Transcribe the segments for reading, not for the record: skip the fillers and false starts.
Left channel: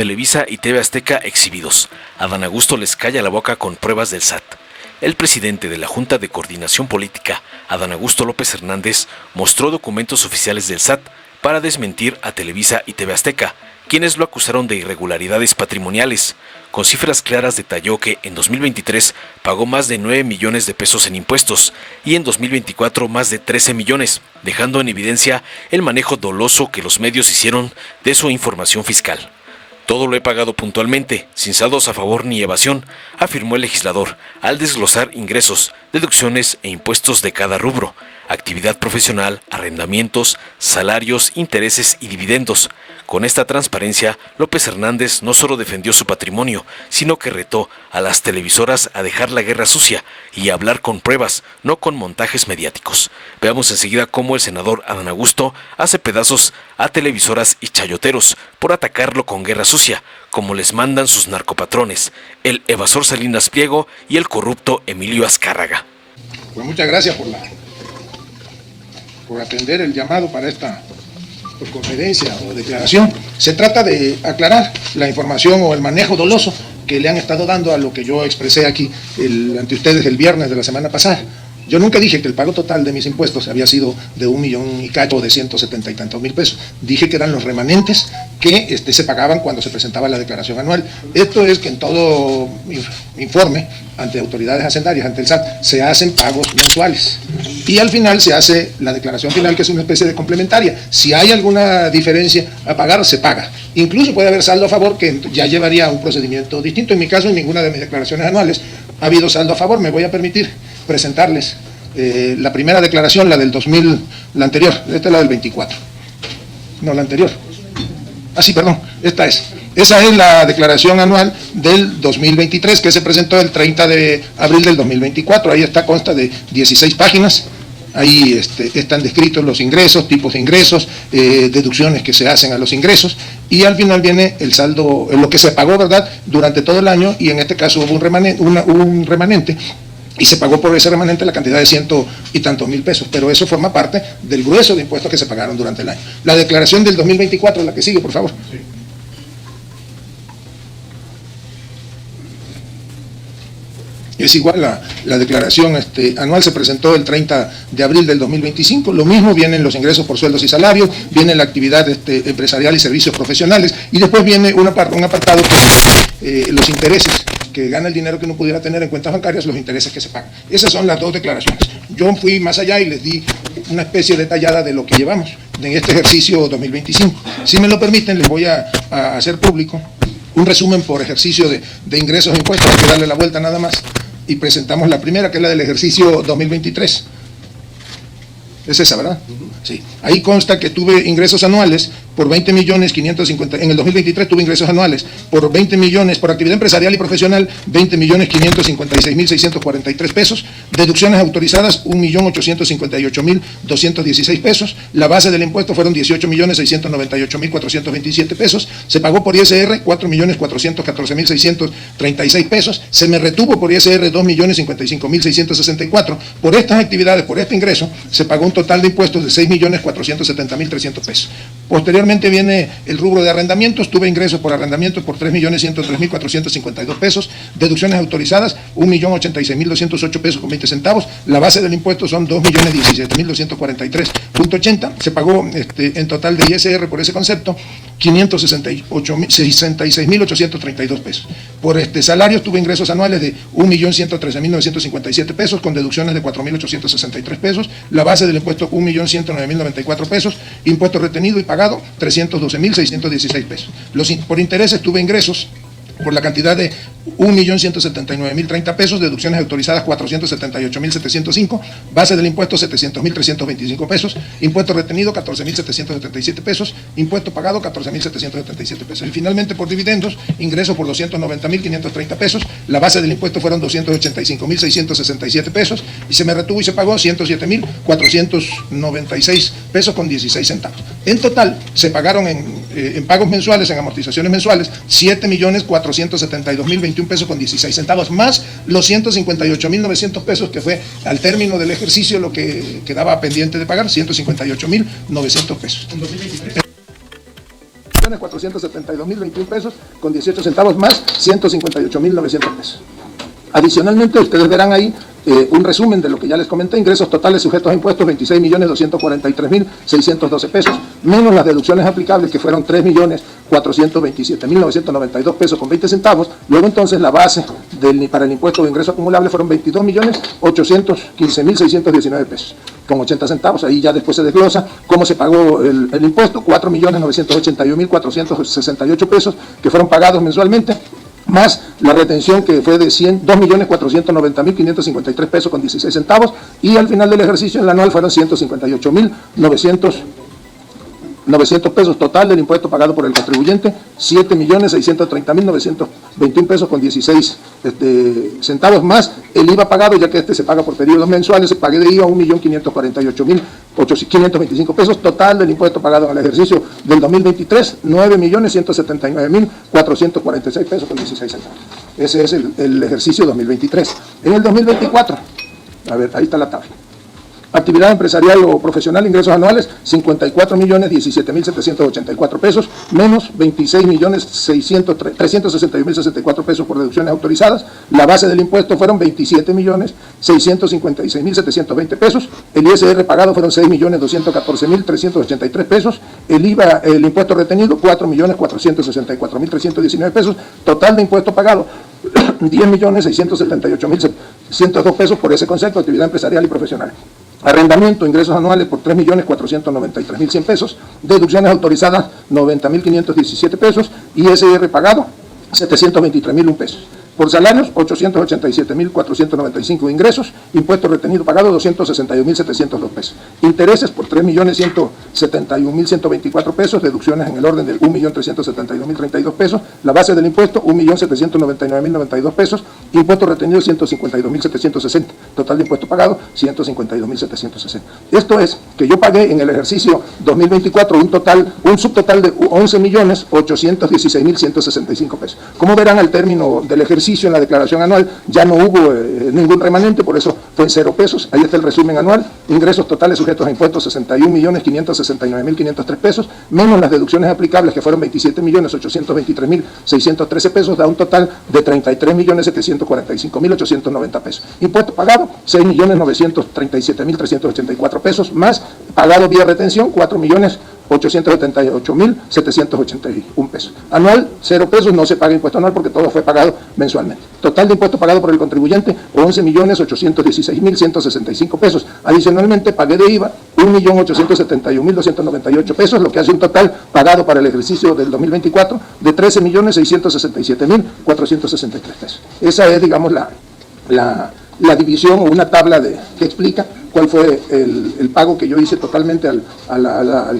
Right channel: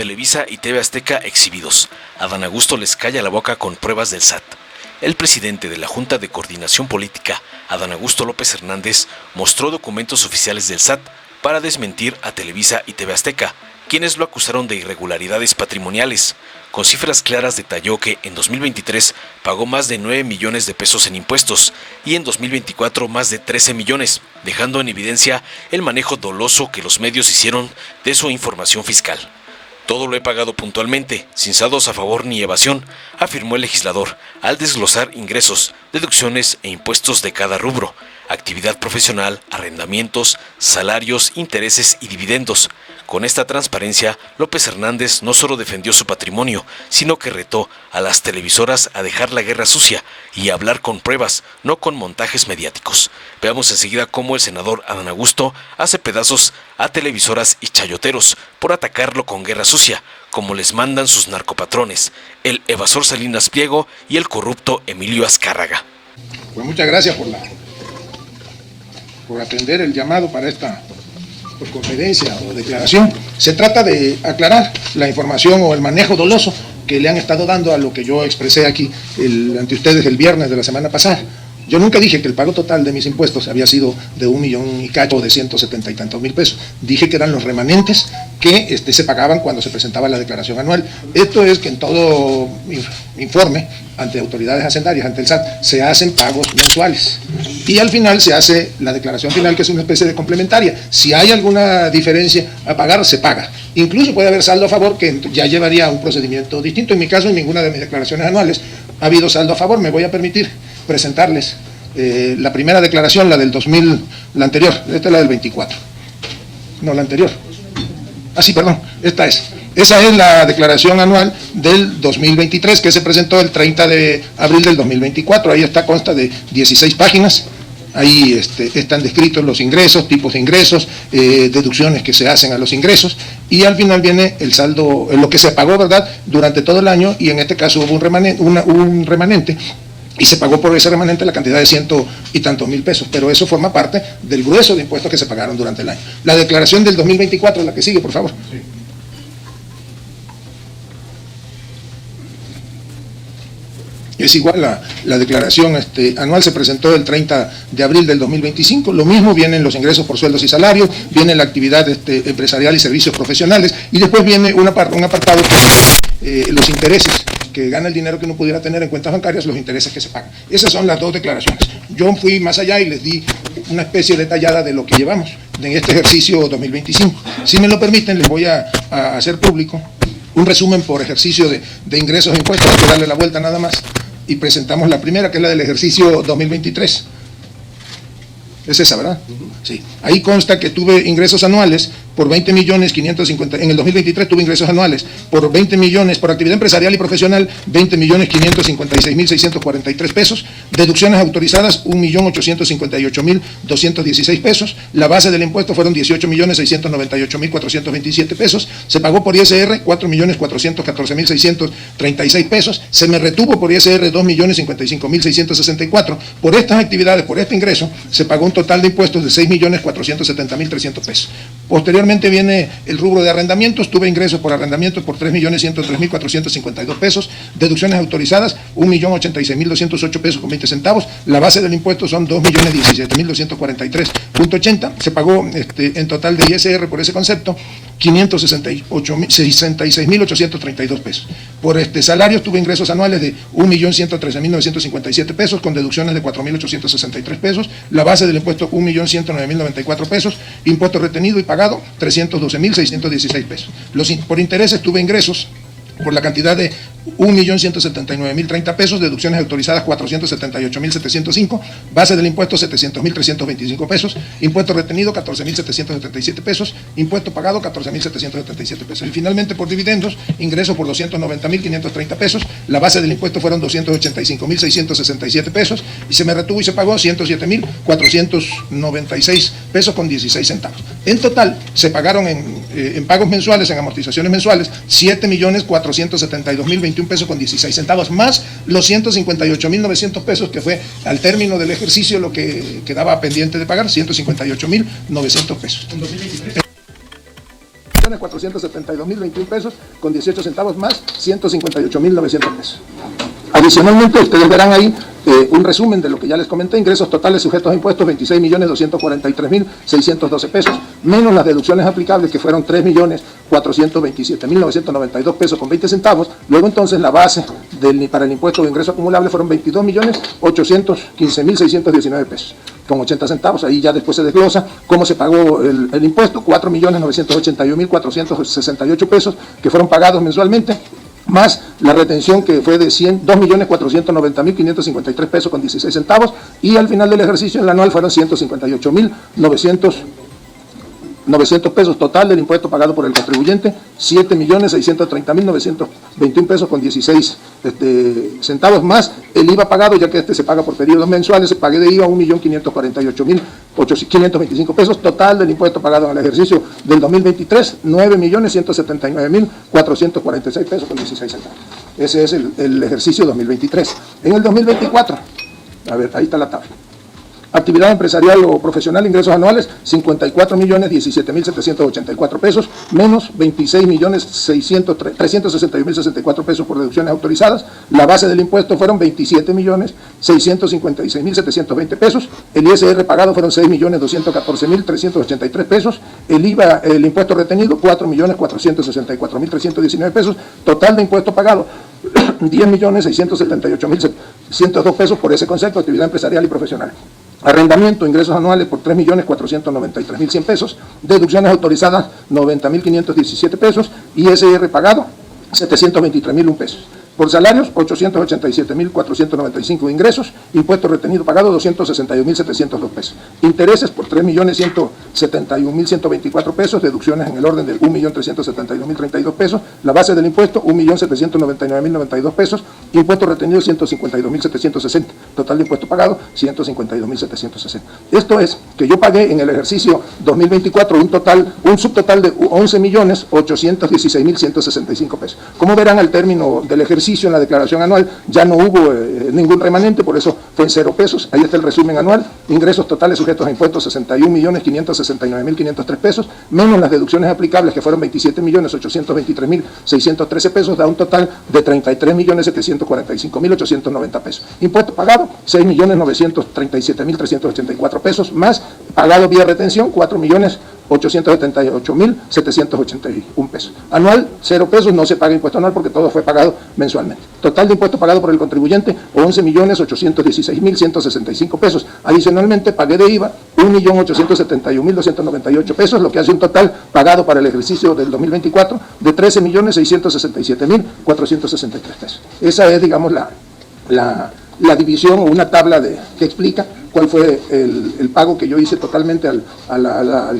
Televisa y TV Azteca exhibidos. Adán Augusto les calla la boca con pruebas del SAT. El presidente de la Junta de Coordinación Política, Adán Augusto López Hernández, mostró documentos oficiales del SAT para desmentir a Televisa y TV Azteca, quienes lo acusaron de irregularidades patrimoniales. Con cifras claras detalló que en 2023 pagó más de 9 millones de pesos en impuestos y en 2024 más de 13 millones, dejando en evidencia el manejo doloso que los medios hicieron de su información fiscal. Todo lo he pagado puntualmente, sin saldos a favor ni evasión, afirmó el legislador, al desglosar ingresos, deducciones e impuestos de cada rubro, actividad profesional, arrendamientos, salarios, intereses y dividendos. Con esta transparencia, López Hernández no solo defendió su patrimonio, sino que retó a las televisoras a dejar la guerra sucia y a hablar con pruebas, no con montajes mediáticos. Veamos enseguida cómo el senador Adán Augusto hace pedazos a televisoras y chayoteros por atacarlo con guerra sucia, como les mandan sus narcopatrones, el evasor Salinas Pliego y el corrupto Emilio Azcárraga. Pues muchas gracias por atender el llamado para esta conferencia o declaración. Se trata de aclarar la información o el manejo doloso que le han estado dando a lo que yo expresé aquí ante ustedes el viernes de la semana pasada. Yo nunca dije que el pago total de mis impuestos había sido de 1 millón y cacho, de 170 y tantos mil pesos. Dije que eran los remanentes que se pagaban cuando se presentaba la declaración anual. Esto es que en todo informe ante autoridades hacendarias, ante el SAT, se hacen pagos mensuales. Y al final se hace la declaración final, que es una especie de complementaria. Si hay alguna diferencia a pagar, se paga. Incluso puede haber saldo a favor, que ya llevaría un procedimiento distinto. En mi caso, en ninguna de mis declaraciones anuales ha habido saldo a favor. Me voy a permitir presentarles la primera declaración, la del 2000, la anterior. Esta es la del 24. No, la anterior. Sí, perdón, esta es. Esa es la declaración anual del 2023 que se presentó el 30 de abril del 2024. Ahí consta de 16 páginas. Ahí están descritos los ingresos, tipos de ingresos, deducciones que se hacen a los ingresos. Y al final viene el saldo, lo que se pagó, ¿verdad?, durante todo el año. Y en este caso hubo un remanente. Y se pagó por ese remanente la cantidad de 100 y tantos mil pesos. Pero eso forma parte del grueso de impuestos que se pagaron durante el año. La declaración del 2024 es la que sigue, por favor. Es igual, la declaración anual se presentó el 30 de abril del 2025, lo mismo, vienen los ingresos por sueldos y salarios, viene la actividad empresarial y servicios profesionales, y después viene un apartado los intereses, que gana el dinero que no pudiera tener en cuentas bancarias, los intereses que se pagan. Esas son las dos declaraciones. Yo fui más allá y les di una especie detallada de lo que llevamos en este ejercicio 2025. Si me lo permiten, les voy a hacer público un resumen por ejercicio de ingresos e impuestos, para darle la vuelta nada más. Y presentamos la primera, que es la del ejercicio 2023. ¿Es esa, verdad? Sí. Ahí consta que tuve ingresos anuales por 20.550.000, en el 2023 tuve ingresos anuales por 20 millones por actividad empresarial y profesional, 20.556.643 pesos, deducciones autorizadas 1.858.216 pesos, la base del impuesto fueron 18.698.427 pesos, se pagó por ISR 4.414.636 pesos, se me retuvo por ISR 2.055.664, por estas actividades, por este ingreso, se pagó un total de impuestos de 6.470.300 pesos. Posteriormente viene el rubro de arrendamientos, tuve ingresos por arrendamientos por 3.103.452 pesos, deducciones autorizadas 1.086.208 pesos con 20 centavos, la base del impuesto son 2.017.243.80, se pagó en total de ISR por ese concepto 566.832 pesos. Por salarios tuve ingresos anuales de 1.113.957 pesos con deducciones de 4.863 pesos, la base del impuesto 1.109.094 pesos, impuesto retenido y pagado 312.616 pesos. Por intereses tuve ingresos por la cantidad de 1.179.030 pesos, deducciones autorizadas 478.705, base del impuesto 700.325 pesos, impuesto retenido 14.777 pesos, impuesto pagado 14.777 pesos. Y finalmente por dividendos, ingreso por 290.530 pesos, la base del impuesto fueron 285.667 pesos y se me retuvo y se pagó 107.496 pesos con 16 centavos. En total se pagaron en pagos mensuales, en amortizaciones mensuales, 7.472.021 pesos con 16 centavos, más los 158.900 pesos que fue al término del ejercicio lo que quedaba pendiente de pagar, 158.900 pesos. 1.472.021 pesos con 18 centavos más 158.900 pesos. Adicionalmente, ustedes verán ahí un resumen de lo que ya les comenté: ingresos totales sujetos a impuestos 26.243.612 pesos, menos las deducciones aplicables, que fueron 3.427.992 pesos con 20 centavos. Luego entonces la base para el impuesto de ingreso acumulable fueron 22.815.619 pesos con 80 centavos. Ahí ya después se desglosa cómo se pagó el impuesto: 4.981.468 pesos que fueron pagados mensualmente, más la retención, que fue de 2.490.553 pesos con 16 centavos, y al final del ejercicio, en la anual, fueron 158.900 pesos total del impuesto pagado por el contribuyente, 7.630.921 pesos con 16 centavos, más el IVA pagado, ya que se paga por periodos mensuales. Se pagué de IVA 1.548.525 pesos total del impuesto pagado al ejercicio del 2023, 9.179.446 pesos con 16 centavos. Ese es el ejercicio 2023. En el 2024, a ver, ahí está la tabla. Actividad empresarial o profesional, ingresos anuales, 54.017.784 pesos, menos 26.361.064 pesos por deducciones autorizadas. La base del impuesto fueron 27.656.720 pesos. El ISR pagado fueron 6.214.383 pesos. El IVA, el impuesto retenido, 4.464.319 pesos. Total de impuesto pagado, 10.678.102 pesos por ese concepto de actividad empresarial y profesional. Arrendamiento, ingresos anuales por 3.493.100 pesos, deducciones autorizadas 90.517 pesos, ISR pagado 723.001 pesos. Por salarios, 887.495 de ingresos, impuesto retenido pagado 262.702 pesos. Intereses por 3.171.124 pesos, deducciones en el orden de 1.372.032 pesos, la base del impuesto 1.799.092 pesos, impuesto retenido 152.760, total de impuesto pagado 152.760. Esto es que yo pagué en el ejercicio 2024 un subtotal de 11.816.165 pesos. Como verán, al término del ejercicio, en la declaración anual ya no hubo ningún remanente, por eso fue 0 pesos. Ahí está el resumen anual: ingresos totales sujetos a impuestos 61.569.503 pesos, menos las deducciones aplicables, que fueron 27.823.613 pesos, da un total de 33.745.890 pesos. Impuesto pagado 6.937.384 pesos, más pagado vía retención 4.878.781 pesos. Anual 0 pesos, no se paga impuesto anual porque todo fue pagado mensualmente. Total de impuesto pagado por el contribuyente 11.816.165 pesos. Adicionalmente pagué de IVA 1.871.298 pesos, lo que hace un total pagado para el ejercicio del 2024 de 13.667.463 pesos. Esa es, digamos, la división, o una tabla que explica cuál fue el pago que yo hice totalmente al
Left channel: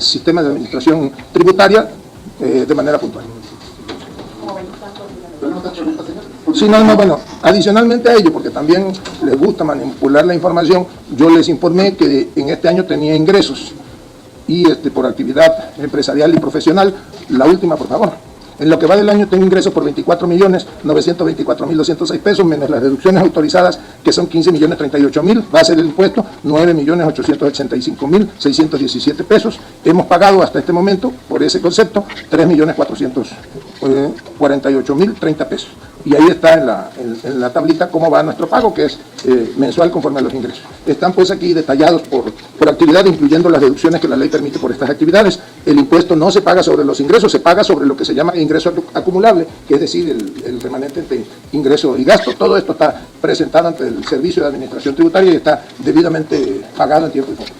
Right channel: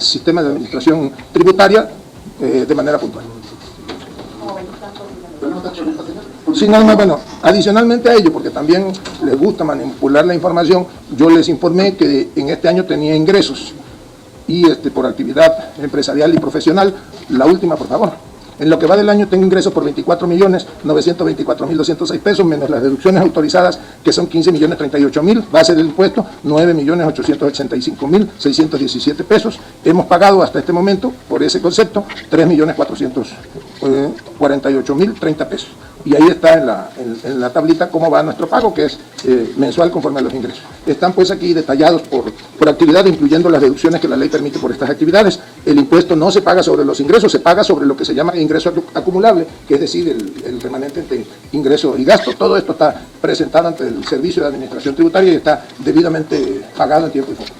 sistema de administración tributaria de manera puntual. Sí, bueno, adicionalmente a ello, porque también les gusta manipular la información, yo les informé que en este año tenía ingresos y por actividad empresarial y profesional. La última, por favor. En lo que va del año tengo ingresos por 24.924.206 pesos, menos las deducciones autorizadas, que son 15.038.000, va a ser el impuesto 9.885.617 pesos. Hemos pagado hasta este momento, por ese concepto, 3.448.030 pesos. Y ahí está en la tablita cómo va nuestro pago, que es mensual conforme a los ingresos. Están pues aquí detallados por actividad, incluyendo las deducciones que la ley permite por estas actividades. El impuesto no se paga sobre los ingresos, se paga sobre lo que se llama ingreso acumulable, que es decir, el remanente entre ingreso y gasto. Todo esto está presentado ante el Servicio de Administración Tributaria y está debidamente pagado en tiempo y forma.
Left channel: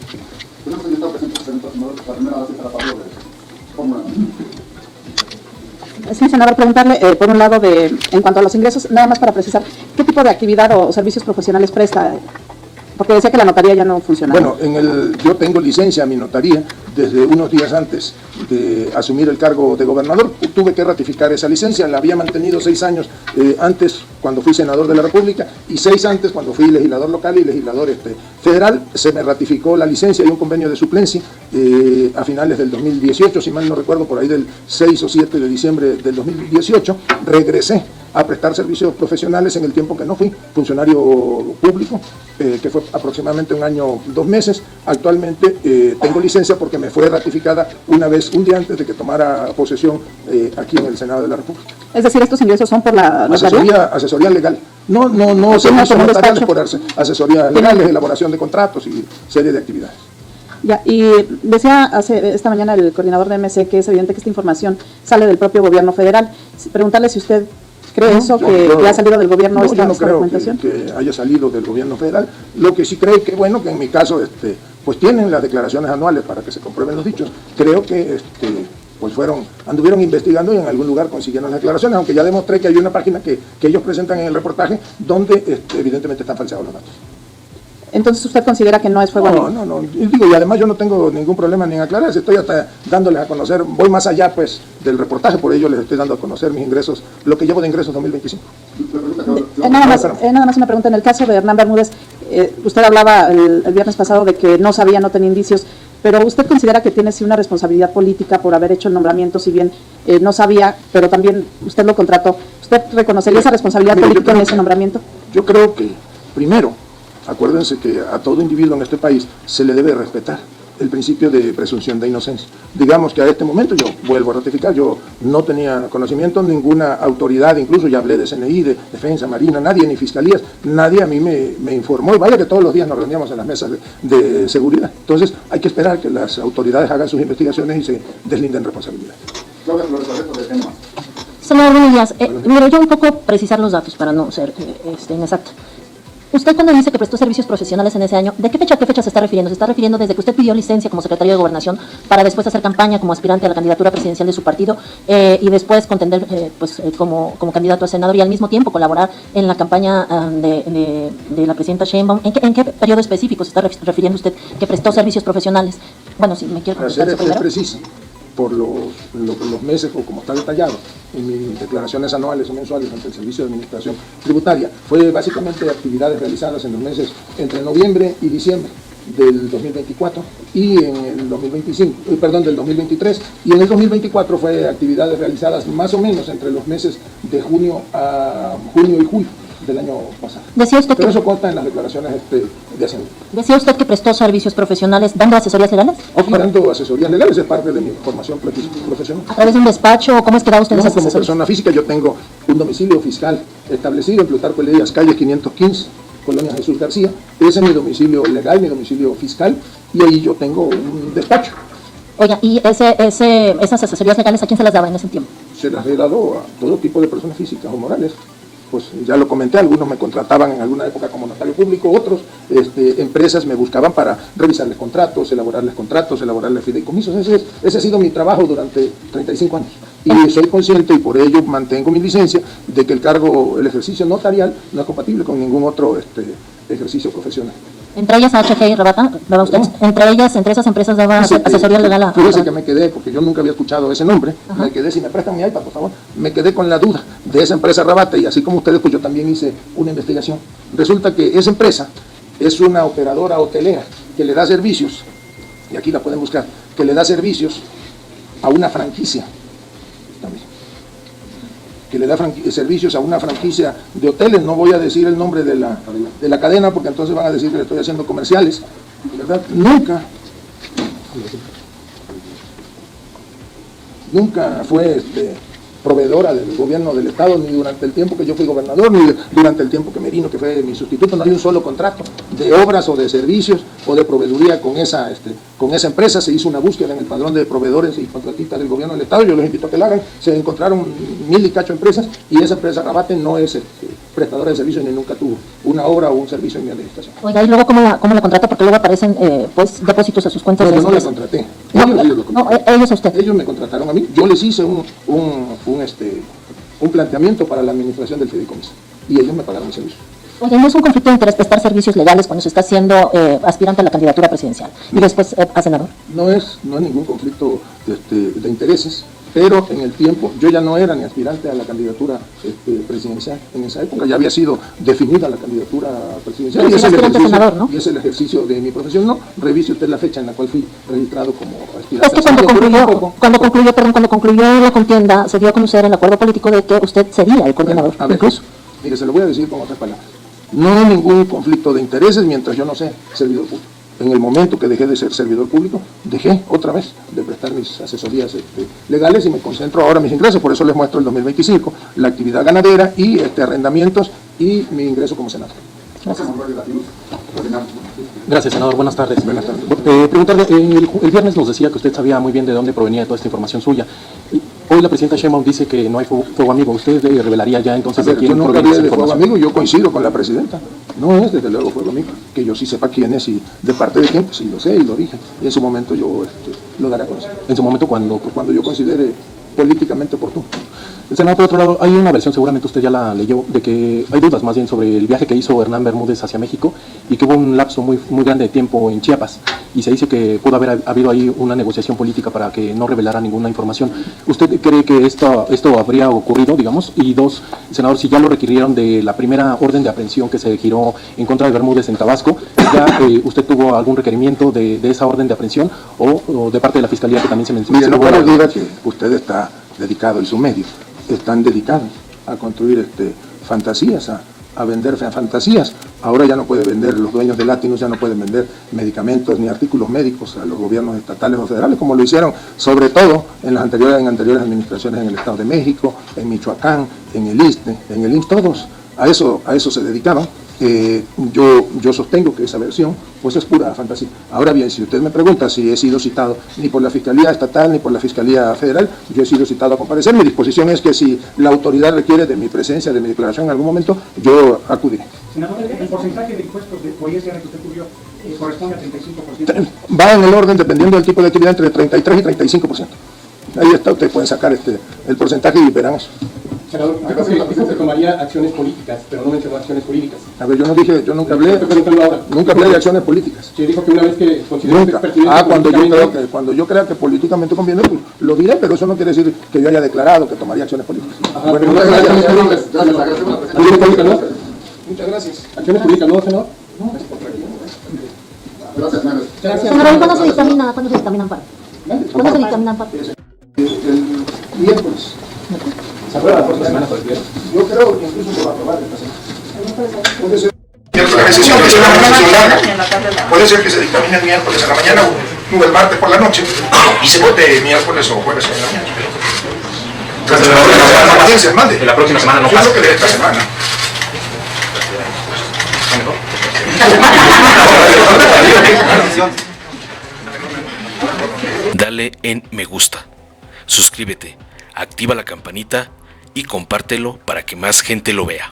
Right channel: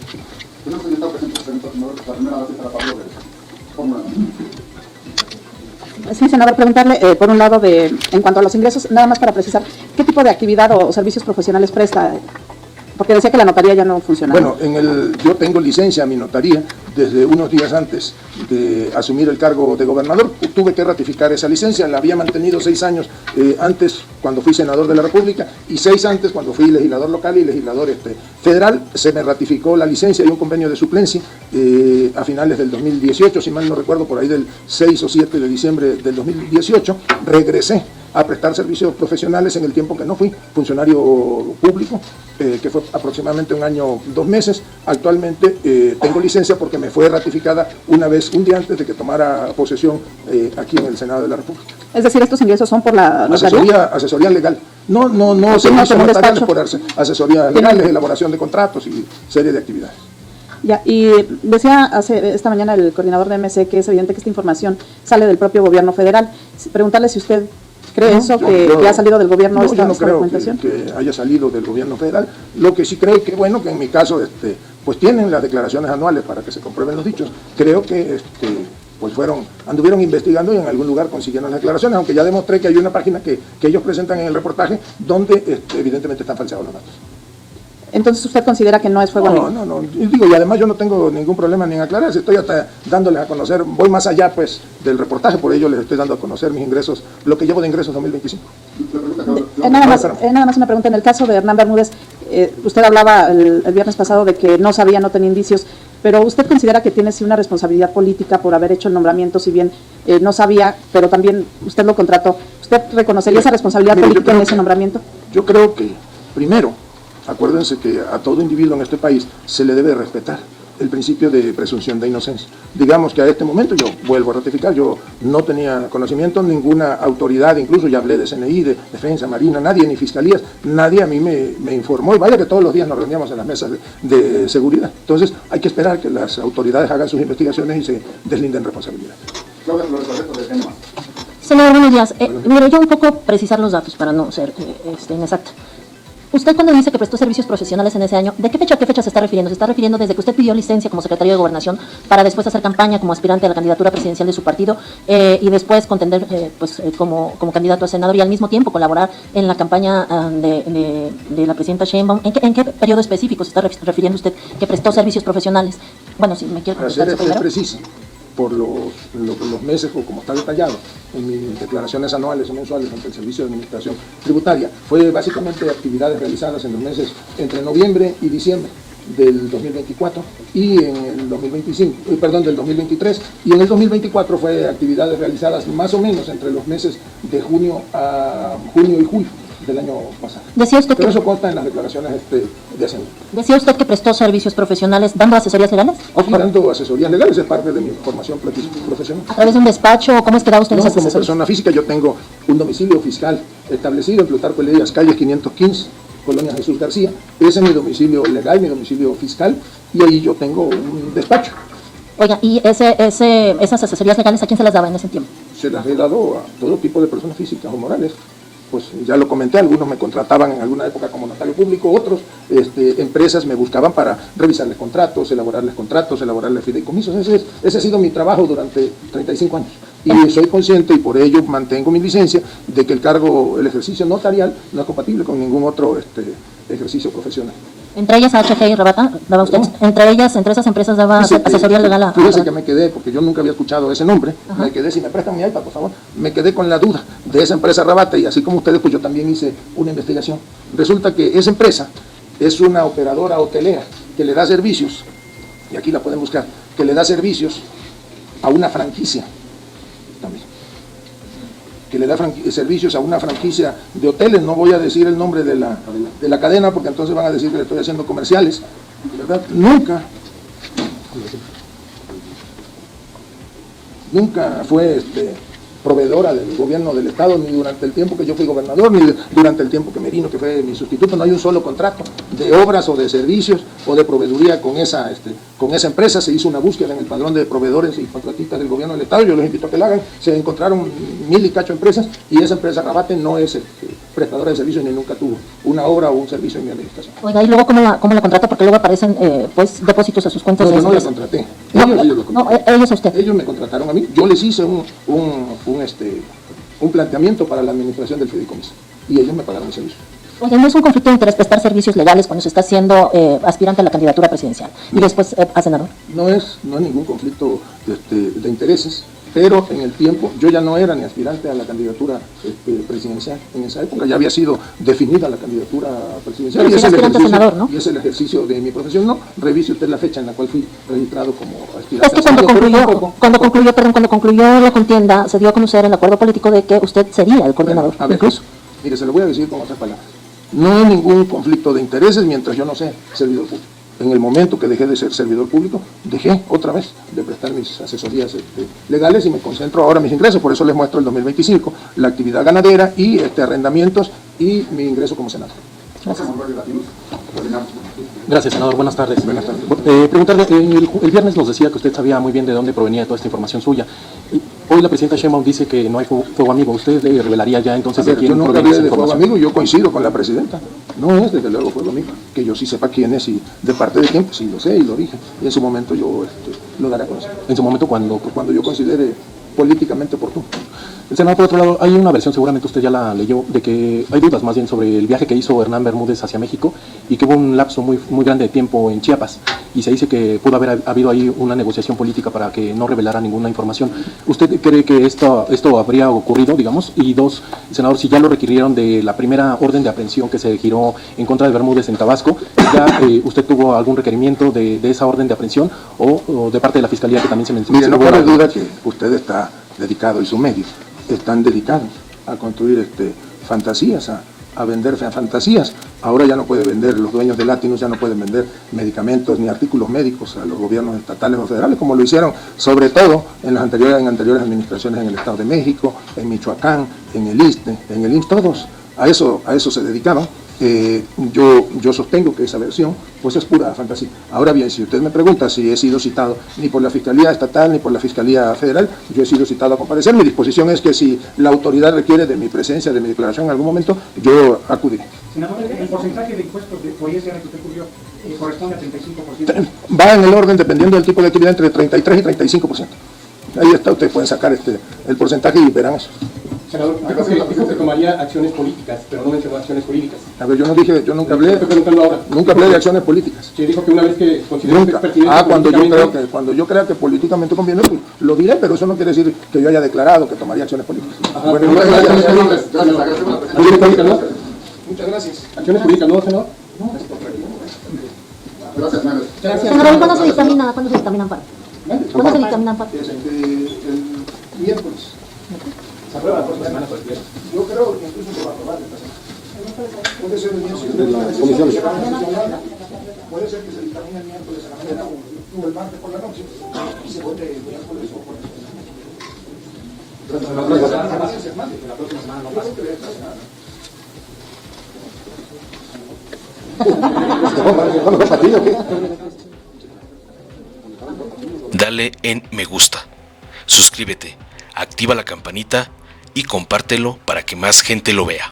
Sí, senador, preguntarle, por un lado, en cuanto a los ingresos, nada más para precisar, ¿qué tipo de actividad o servicios profesionales presta? Porque decía que la notaría ya no funcionaba. Bueno, yo tengo licencia en mi notaría desde unos días antes de asumir el cargo de gobernador. Tuve que ratificar esa licencia, la había mantenido 6 años antes, cuando fui senador de la República, y 6 antes, cuando fui legislador local y legislador federal. Se me ratificó la licencia y un convenio de suplencia a finales del 2018, si mal no recuerdo, por ahí del 6 o 7 de diciembre del 2018, regresé a prestar servicios profesionales en el tiempo que no fui funcionario público, que fue aproximadamente 1 año, 2 meses. Actualmente tengo licencia porque me fue ratificada un día antes de que tomara posesión aquí en el Senado de la República. Es decir, estos ingresos son por la asesoría legal. No, servicios por asesoría legal, elaboración de contratos y serie de actividades. Ya, y decía esta mañana el coordinador de MC que es evidente que esta información sale del propio gobierno federal. Preguntarle si usted cree eso, que haya salido del gobierno. No, yo no creo que haya salido del gobierno federal. Lo que sí creo que, bueno, que en mi caso, pues tienen las declaraciones anuales para que se comprueben los dichos. Creo que pues anduvieron investigando y en algún lugar consiguieron las declaraciones, aunque ya demostré que hay una página que ellos presentan en el reportaje donde evidentemente están falseados los datos. Entonces usted considera que no es fuego. No, digo, y además yo no tengo ningún problema ni en aclarar, estoy hasta dándoles a conocer, voy más allá pues del reportaje, por ello les estoy dando a conocer mis ingresos, lo que llevo de ingresos 2025. Nada más una pregunta, en el caso de Hernán Bermúdez, usted hablaba el viernes pasado de que no sabía, no tenía indicios, pero ¿usted considera que tiene sí una responsabilidad política por haber hecho el nombramiento, si bien no sabía, pero también usted no contrató? ¿Usted reconocería esa responsabilidad política en ese nombramiento? Yo creo que, primero, acuérdense que a todo individuo en este país se le debe respetar el principio de presunción de inocencia. Digamos que a este momento yo vuelvo a ratificar, yo no tenía conocimiento de ninguna autoridad, incluso ya hablé de CNI, de Defensa, Marina, nadie, ni Fiscalías, nadie a mí me informó, y vaya que todos los días nos reunimos en la mesa de seguridad. Entonces hay que esperar que las autoridades hagan sus investigaciones y se deslinden responsabilidad. Senador, buenos días. Mire, yo un poco precisar los datos para no ser inexacta. Usted cuando dice que prestó servicios profesionales en ese año, ¿de qué fecha a qué fecha se está refiriendo? ¿Se está refiriendo desde que usted pidió licencia como secretario de Gobernación para después hacer campaña como aspirante a la candidatura presidencial de su partido y después contender pues, como candidato a senador y al mismo tiempo colaborar en la campaña de la presidenta Sheinbaum? ¿En qué periodo específico se está refiriendo usted que prestó servicios profesionales? Bueno, si me quiere preguntar eso primero. Por los meses, como está detallado en mis declaraciones anuales y mensuales ante el Servicio de Administración Tributaria, fue básicamente actividades realizadas en los meses entre noviembre y diciembre del 2024 y en el 2023, y en el 2024 fue actividades realizadas más o menos entre los meses de junio a julio del año pasado. Decía usted que eso consta en las declaraciones de Hacienda. Decía usted que prestó servicios profesionales dando asesorías legales. Dando asesorías legales es parte de mi formación profesional. ¿A través de un despacho? ¿Cómo estará usted? Como persona física yo tengo un domicilio fiscal establecido en Plutarco Elías, calle 515, Colonia Jesús García. Ese es mi domicilio legal, mi domicilio fiscal, y ahí yo tengo un despacho. Oiga, ¿y esas asesorías legales a quién se les daba en ese tiempo? Se las he dado a todo tipo de personas físicas o morales. Pues ya lo comenté, algunos me contrataban en alguna época como notario público, otros empresas me buscaban para revisar los contratos, elaborar los fideicomisos. Ese ha sido mi trabajo durante 35 años. Y soy consciente, y por ello mantengo mi licencia, de que el ejercicio notarial no es compatible con ningún otro ejercicio profesional. Entre ellas AHG y Rebata, entre esas empresas daba asesoría legal a... Fíjese que me quedé, porque yo nunca había escuchado ese nombre, me quedé, si me prestan mi iPad, por favor, me quedé con la duda de esa empresa Rebata, y así como ustedes, pues yo también hice una investigación. Resulta que esa empresa es una operadora hotelera que le da servicios, y aquí la pueden buscar, que le da servicios a una franquicia también. Que le da servicios a una franquicia de hoteles, no voy a decir el nombre de la cadena porque entonces van a decir que estoy haciendo comerciales, ¿verdad? Nunca fue proveedora del gobierno del Estado, ni durante el tiempo que yo fui gobernador, ni durante el tiempo que me vino, que fue mi sustituto. No hay un solo contrato de obras o de servicios o de proveeduría con esa empresa. Se hizo una búsqueda en el padrón de proveedores y contratistas del gobierno del Estado, yo les invito a que lo hagan. Se encontraron 1000 y cacho empresas, y esa empresa Rebata no es prestadora de servicios ni nunca tuvo una obra o un servicio en mi administración. Bueno, y luego ¿cómo la contrata? Porque luego aparecen depósitos a sus cuentas. No, yo no les contraté. Ellos a usted. Ellos me contrataron a mí. Yo les hice un planteamiento para la administración del fideicomiso y ellos me pagaron el servicio. ¿No es un conflicto de interés prestar servicios legales cuando se está siendo aspirante a la candidatura presidencial y después a senador? No hay ningún conflicto de intereses. pero en el tiempo yo ya no era ni aspirante a la candidatura presidencial en esa época, ya había sido definida la candidatura presidencial. Era aspirante a senador, ¿no? Y es el ejercicio de mi profesión, ¿no? Revise usted la fecha en la cual fui registrado como aspirante. Es que cuando concluyó la contienda, se dio a conocer el acuerdo político de que usted sería el coordinador. A ver, cosa, mire, se lo voy a decir con otras palabras. No hay ningún conflicto de intereses mientras yo no sea servidor público. En el momento que dejé de ser servidor público, dejé otra vez de prestar mis asesorías legales y me concentro ahora en mis ingresos. Por eso les muestro en 2025 la actividad ganadera y arrendamientos y mi ingreso como senador. Gracias, senador. Buenas tardes. Preguntarle, el viernes nos decía que usted sabía muy bien de dónde provenía toda esta información suya. Hoy la presidenta Sheinbaum dice que no hay fuego amigo. ¿Usted revelaría ya entonces de quién proviene esa información? Yo coincido con la presidenta. No es desde luego fuego amigo. Que yo sí sepa quién es y de parte de quién, sí lo sé y lo dije. Y en ese momento yo lo daré a conocer. En su momento, cuando yo considere políticamente oportuno. Senador, por otro lado, hay una versión, seguramente usted ya la leyó, de que hay dudas más bien sobre el viaje que hizo Hernán Bermúdez hacia México y que hubo un lapso muy grande de tiempo en Chiapas. Y se dice que pudo haber habido ahí una negociación política para que no revelara ninguna información. ¿Usted cree que esto habría ocurrido, digamos? Y dos, senador, si ya lo requirieron de la primera orden de aprehensión que se giró en contra de Bermúdez en Tabasco, ¿ya usted tuvo algún requerimiento de esa orden de aprehensión o de parte de la Fiscalía que también se mencionó? Mire, no cabe duda que usted está dedicado a su medio. Están dedicados a construir fantasías, a vender fantasías. Ahora ya no puede vender, los dueños de látigos ya no pueden vender medicamentos ni artículos médicos a los gobiernos estatales o federales, como lo hicieron sobre todo en las anteriores administraciones en el Estado de México, en Michoacán, en el ISSSTE, todos a eso se dedicaron. Yo sostengo que esa versión pues es pura fantasía. Ahora bien, si usted me pregunta si he sido citado ni por la Fiscalía Estatal ni por la Fiscalía Federal, yo he sido citado a comparecer. Mi disposición es que si la autoridad requiere de mi presencia, de mi declaración en algún momento, yo acudiré. Senador, el porcentaje de impuestos que podría ser que usted cubrió corresponde al 35%. Va en el orden, dependiendo del tipo de actividad, entre 33 y 35%. Ahí ustedes pueden sacar el porcentaje y verán eso. Senador, acá se tomaría acciones políticas, Bermúdez de acciones políticas. A ver, yo nunca hablé de acciones políticas. Se dijo que una vez que consideraste pertinente... cuando yo crea que políticamente conviene, lo diré, pero eso no quiere decir que yo haya declarado que tomaría acciones políticas. Muchas gracias. ¿Acciones políticas, no, senador? Senador, ¿cuándo se dictamina el paro? ¿Cuándo se dictamina el paro? El miércoles. ¿Se acuerda? Yo creo que incluso se va a tomar. Puede ser el miércoles. Puede ser que se dictamine el miércoles a la mañana o el martes por la noche y se vote miércoles o jueves en la mañana. La próxima semana no pasa. Yo creo que de esta semana. Dale en me gusta, suscríbete, activa la campanita y compártelo para que más gente lo vea.